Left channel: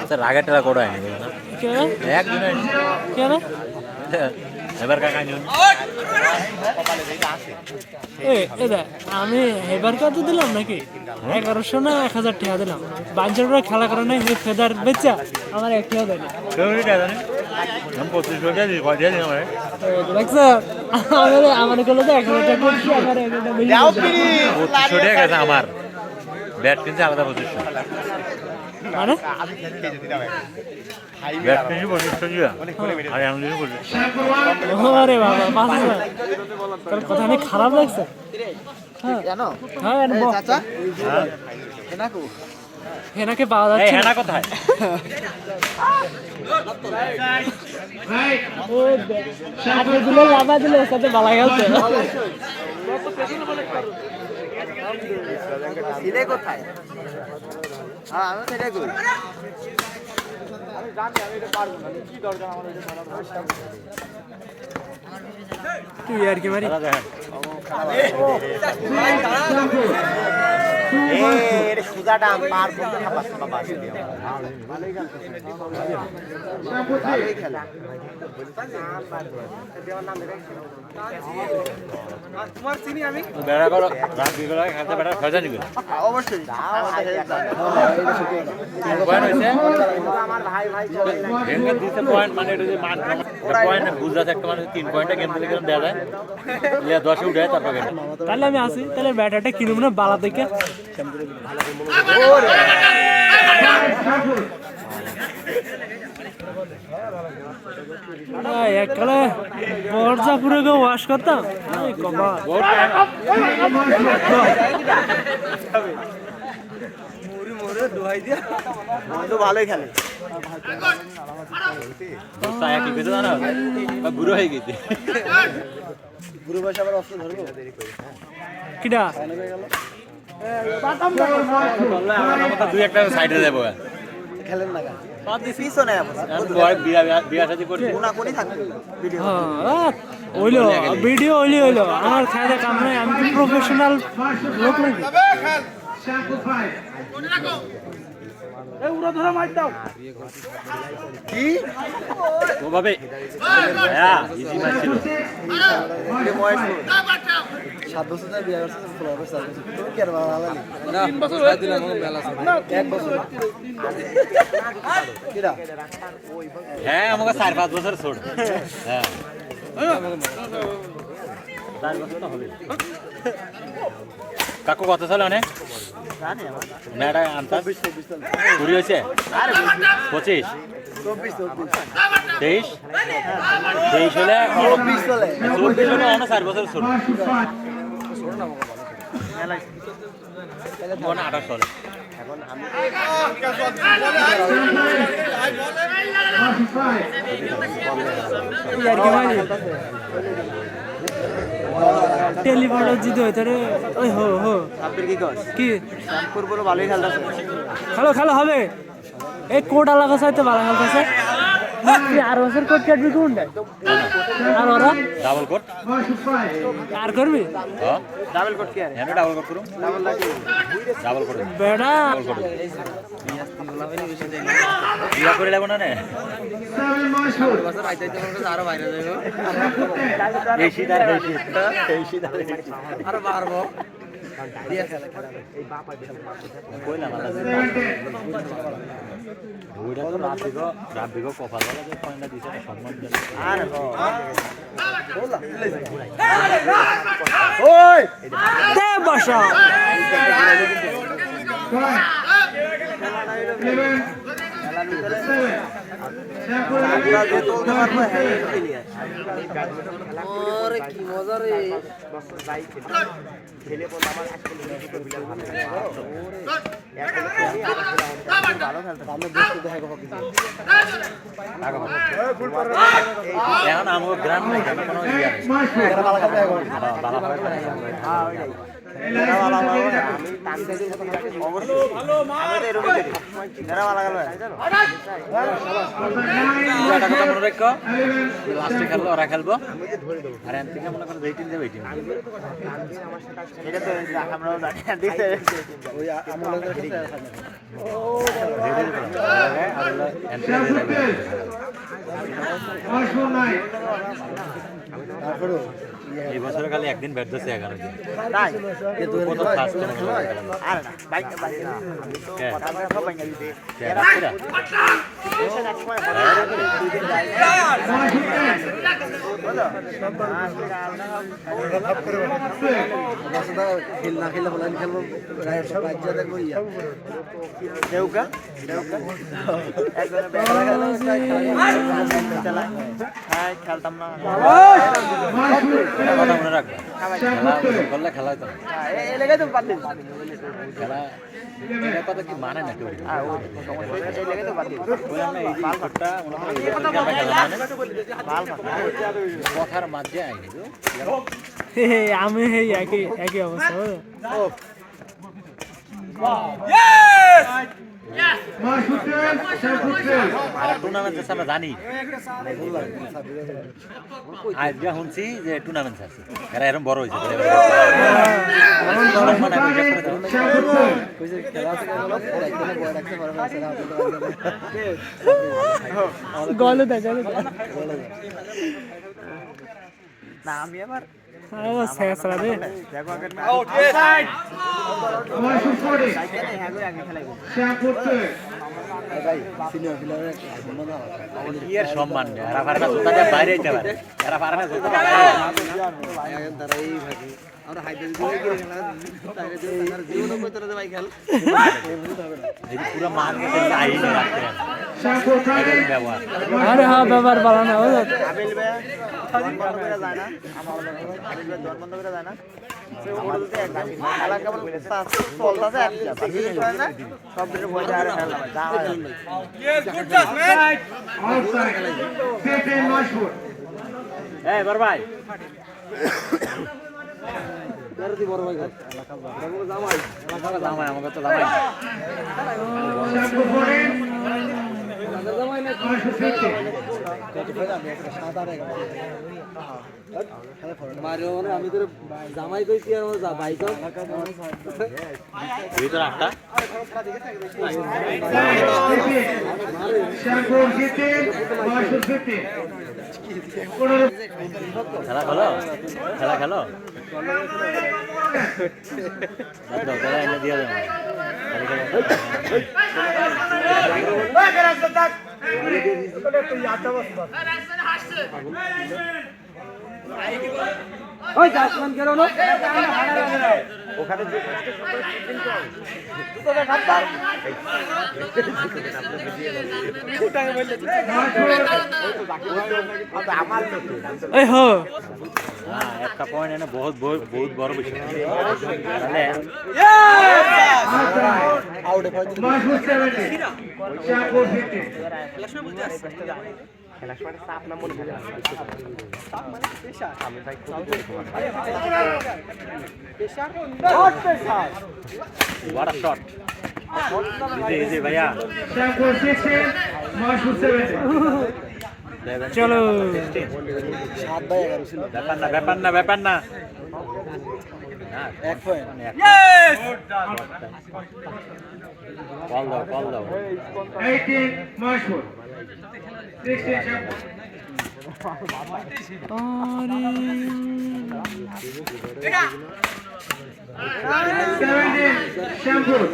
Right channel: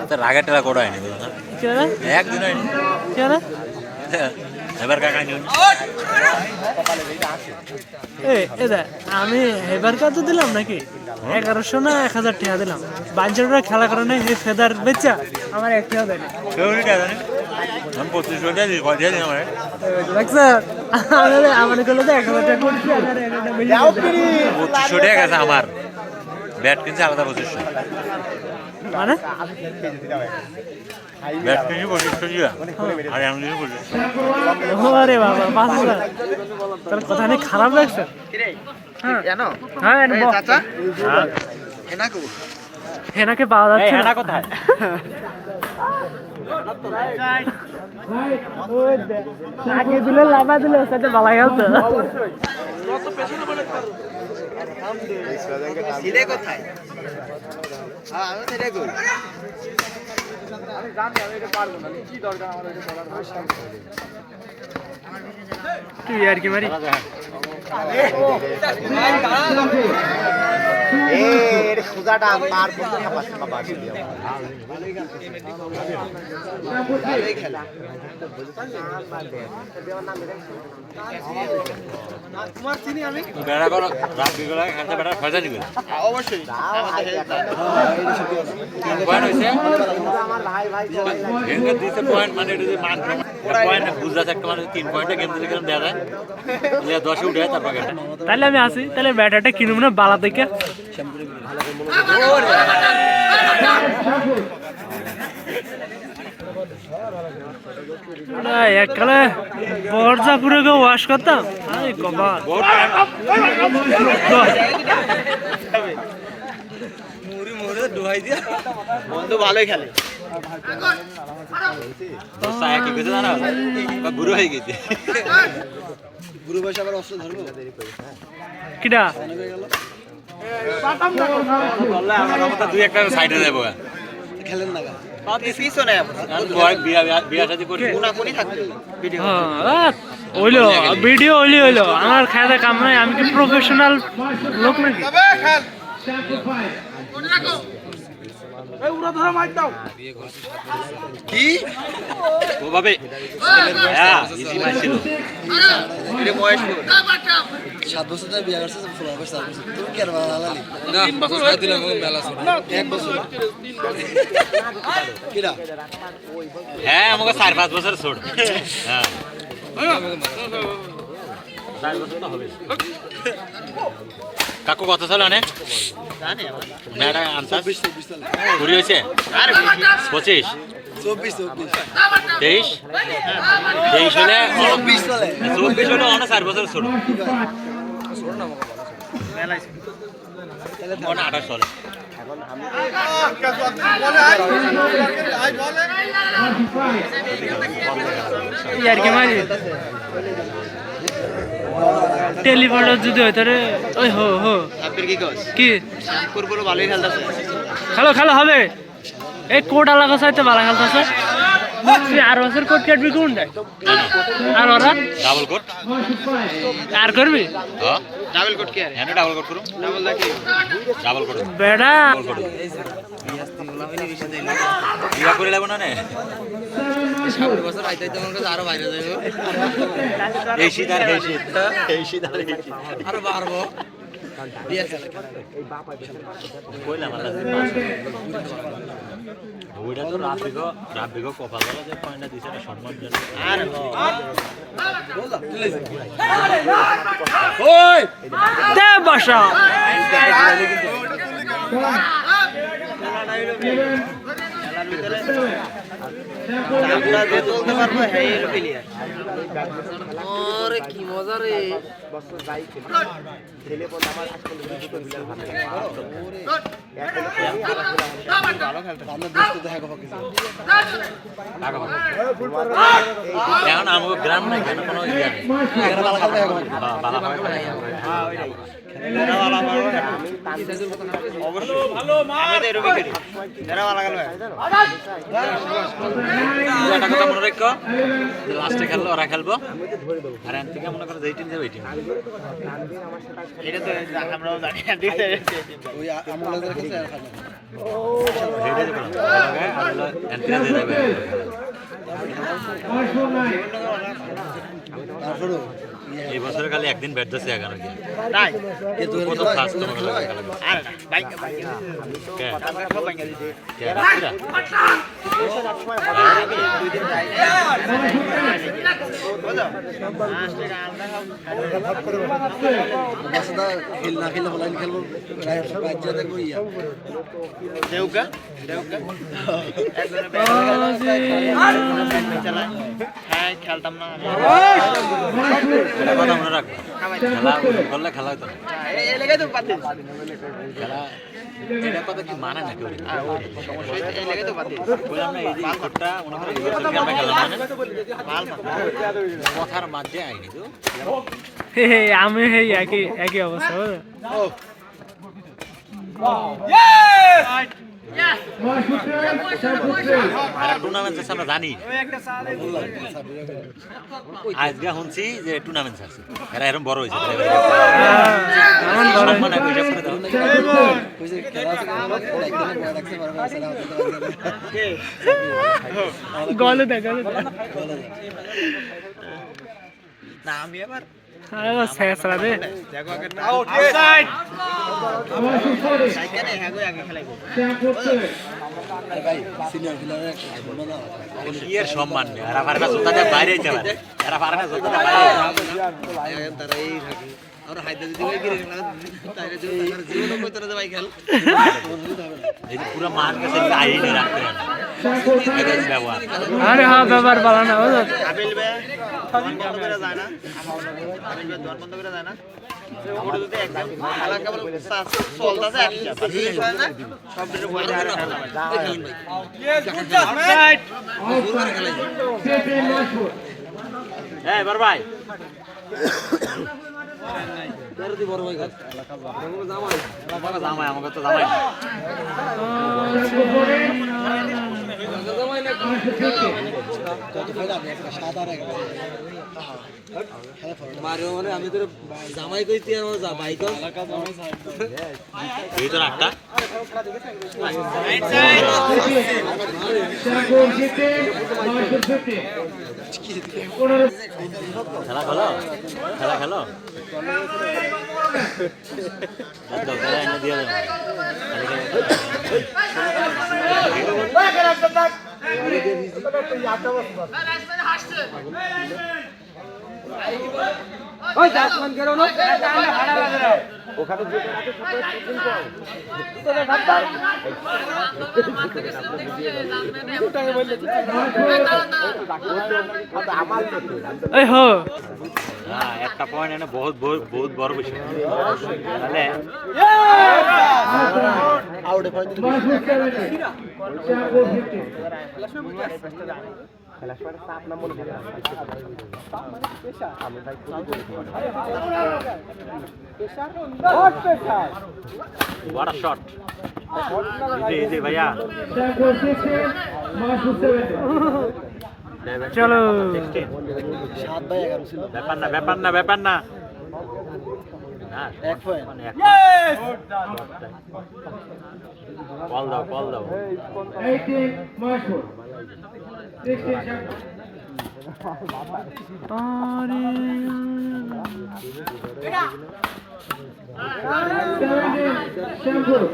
আচ্ছা রাগের টাকা কোটা হয়নি একদিন হয়নি এবার কাকা নিউন আমি এবার কত দিলাম নাকি 1100 না 1000 টাকা দিলাম বাঞ্চলরা খেলা কারণে এই ফেদার বেচা আমার এক টাকা দেয়নি আমার গুলো তো 1000 টাকা করছি আমার 2500 টাকা গেছে আমার ব্যাট কিনছে আলাদা 2500 মানে ব্যাট কিনছি 2500 আর আমি বলি আরে বাবা 5000 তার কথা নেই খারাপ লাগছে হ্যাঁ জানো হ্যাঁ চাচা হেনাকো হেনাকে পাওয়া যাচ্ছে না কোথায় ওই আগে দিলে লাভা দিলে সাথে বালা গেছে সিলে কোথায় হ্যাঁ আমি সেটা কই আমি জানি আমি এটা পারবো না কি দরকার আমার এটা করার তুই আর কি মারি এর সুজাটা মার বলতে না পারছে বাবা ভালোই খেলে তোমার চিনি আমি বেড়া করো রাখবি গলা খেলতে বেড়া ফয়সা দিবেন অবশ্যই আমাদের হেল্প লাগে দিতে পয়েন্ট মানে এটা মান পয়েন্ট বুঝাছ একটা মানে 3 পয়েন্টে গেম থেকে দেয়া যায় ইয়া 10 উঠে তারপর এটা তাহলে আমি আসি তাহলে ব্যাটাটা কিনুম না বালা থেকে ওরে না একলা বর্জাপুরে গো ওয়াশ করতাম আরে কবাল মুড়ি মোরে দোহাই দিয়া বন্ধু ভালোই খেলে সায়া কি কইছে জানো বুড়ো হয়ে গেছে বুড়ো বয়স আবার অস্ত্র ধরবো কিডা দুই একটা সাইডে যাবো খেলেন না পিছনে ভিডিও হইলো আমার খায়দা কাম নাই আমি কি প্রফেশনাল লোক নাকি কি ওভাবে হ্যাঁ ইজি ম্যাচ ছিল এটা বয়স 7 বছর ধরে বিয়ে করছিস ফুল বয়স তুমি কি আর বালালি না 3 বছর হয়ে দিলাম মেলা ছিল 1 বছর কিরা হ্যাঁ আমাকে 4-5 বছর ছোট হ্যাঁ কাকু কত সাল আনে জানি আমার না এটা আনসার 24 সাল পুরি হইছে আরে 25 24 23 23 হলে 24 সালে 24 হলে অনেক 4 বছর ছোট ছোট না মেলাই তাহলে 28 সালে यार के मारी টেলিফোন যদি হয় তারে ওই হো হো আপনি কি কস কি শ্যামপুর বড় ভালোই খেলতাছে খেলো খেলো হবে এই কোড লাগা সাইতে ভালো খেলতাছে তুই আর বছর কোড কাটবি কোন দেয় আর ওরা ডাবল কোড আর করবি হ্যাঁ ডাবল কোড কি আর হ্যাঁ ডাবল কোড করুম ডাবল লাগে ডাবল কোড বেডা বিয়া করে লাগো না না 7 বছর আইতে মন করে আরো বাইরে যাইবো এই সিদার এই সিদার আরো বাড়বো বিয়া খেলা এই বাপা কইলাম আল্লাহ ওইটা তো রাব্বিগো কপাল বলা যে পয়েন্টটা দিছে না সম্মান জানা আর ওই দে বসা চারটা দিয়ে তুলতে পারবো হ্যাঁ প্লেয়ার ওরে কি মজা রে ছেলে বল আমার ভালো খেলতে আমরা দেখতে দেখা কথা কিছু এখন আমাকে গ্রাম না কোনো ইয়া ভালো খেলতে হ্যাঁ ভালো খেলতে হ্যাঁ ওইটাই অবশ্যই আমি তো এরকমই করি যারা ভালো গেল মনে রাখো লাস্টে খেললো ওরা খেলবো আর এন থেকে মনে করো যেই টিম যাবে এই টিম এটা তো আমরাও জানি ওই আমগুলো এই বছরে খালি একদিন ব্যাট দিচ্ছে 11 দিন তাই কিন্তু প্রথম ফার্স্ট আর না বাইক কে আমরা সব বাইক দিতে কে বলো খেলনা খেলে বলেন খেলবো রাজ্য দেখবো ইয়া দেউকা দেউকা চালায় হ্যাঁ খেলতাম না কথা মনে রাখবে খেলা করলে খেলা হইতো না এই লেগে তো বাদ দিই খেলা এটা কথা কি মানে না কেউ আর ওই সমস্যা এই লেগে তো বাদ দিই বললাম না এই যে ইফোর্টটা মনে করো এই বছর খেলা খেলা মানে বাল মাথা কথার মাঝে আইনি তো আমি এই একই অবস্থা বুঝলে? আর টুর্নামেন্ট আছে আমরা জানি আজকে শুনছি যে টুর্নামেন্ট আছে এরা এরকম বড় হয়েছে এমন বড় গলে দেখ না আমি আবার আরে শেষরা রে দেখো আগে সাইকেলে হ্যাঁ গো আগে খেলাই ভাই সিনিয়র প্লেয়ারের সম্মান কি এর সম্মান নেই এরা পারে না জুতাটা বাইরে যেতে পারে এরা পারে না জুতাটা বাইরে তারা এই থাকে আমরা হাইতে দিতে গেলে তাইরে জীবন ভিতরে ভাই খেল এই পুরো মাঠ গেছে আইনি রাখতে না ব্যবহার আরে হ্যাঁ ব্যবহার ভালো না বুঝলো আবেল বে দোকান বন্ধ করে যায় না আবেল বে দোকান বন্ধ করে যায় না ওটা দিতে একদম আলাদা কেবল চলতেছে এক হিসাব আর জিনিস হয় না সব কিছু বই দেয় আর খেলা ভাই এই বড় ভাই জামাই আমাকে তো জামাই মারিও মানে আমি তোর জামাই কইতি আর যা ভাই তো ভিতর আটটা খেলা খেলো খেলা খেলো খেলা এনে দিয়ে দেবো এই হো একটা পয়েন্ট এনে বহুত বহুত বহুত বড় বিষয় খেলার সময় চাপ না মনে হয় আমি ভাই What a shot! Easy, भैया. চলো ব্যাপার না কল দাও 18 Marshwood. 16 Shamwood. Shampoo.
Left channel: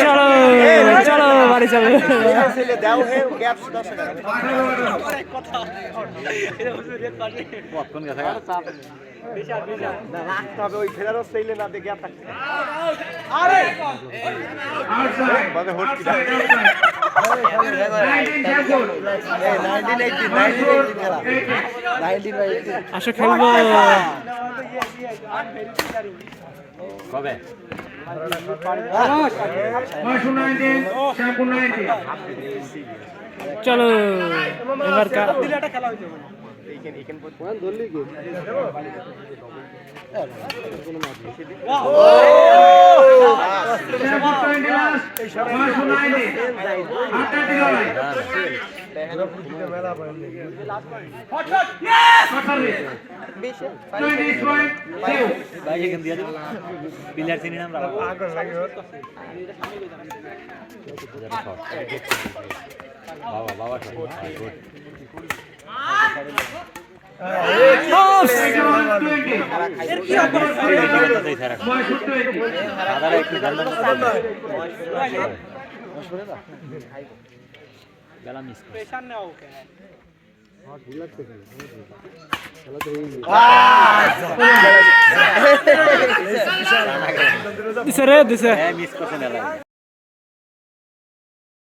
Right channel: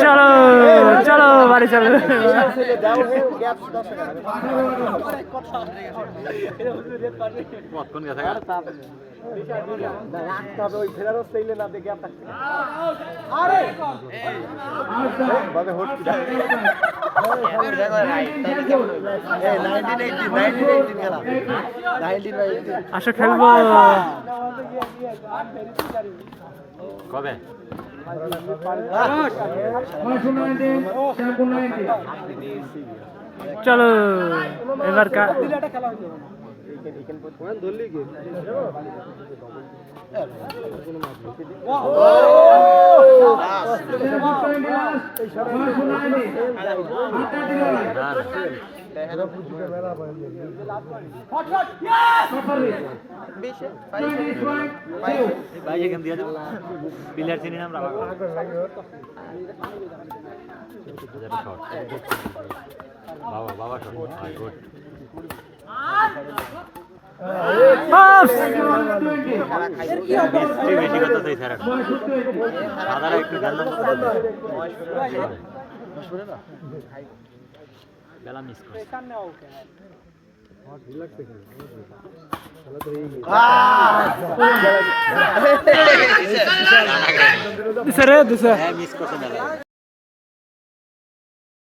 চলো চলো বাড়ি চলো রাখতে হবে ওই ফেরারও চাইলে না দেখে Outside. শ্যামপুর মহেশপুর 18 আসো খেলবো কবে মহেশপুর 19 শ্যামপুর 19 চলো এবার শ্যামপুর 20 লাস্ট মহেশপুর 19 আটটা দিল ভাই 20 পয়েন্ট ভাই এখান দিয়ে প্লেয়ার চিনি না আমরা বাবা বাবা বেলা মিস দিছে রে দিছে মিস করছে মেলা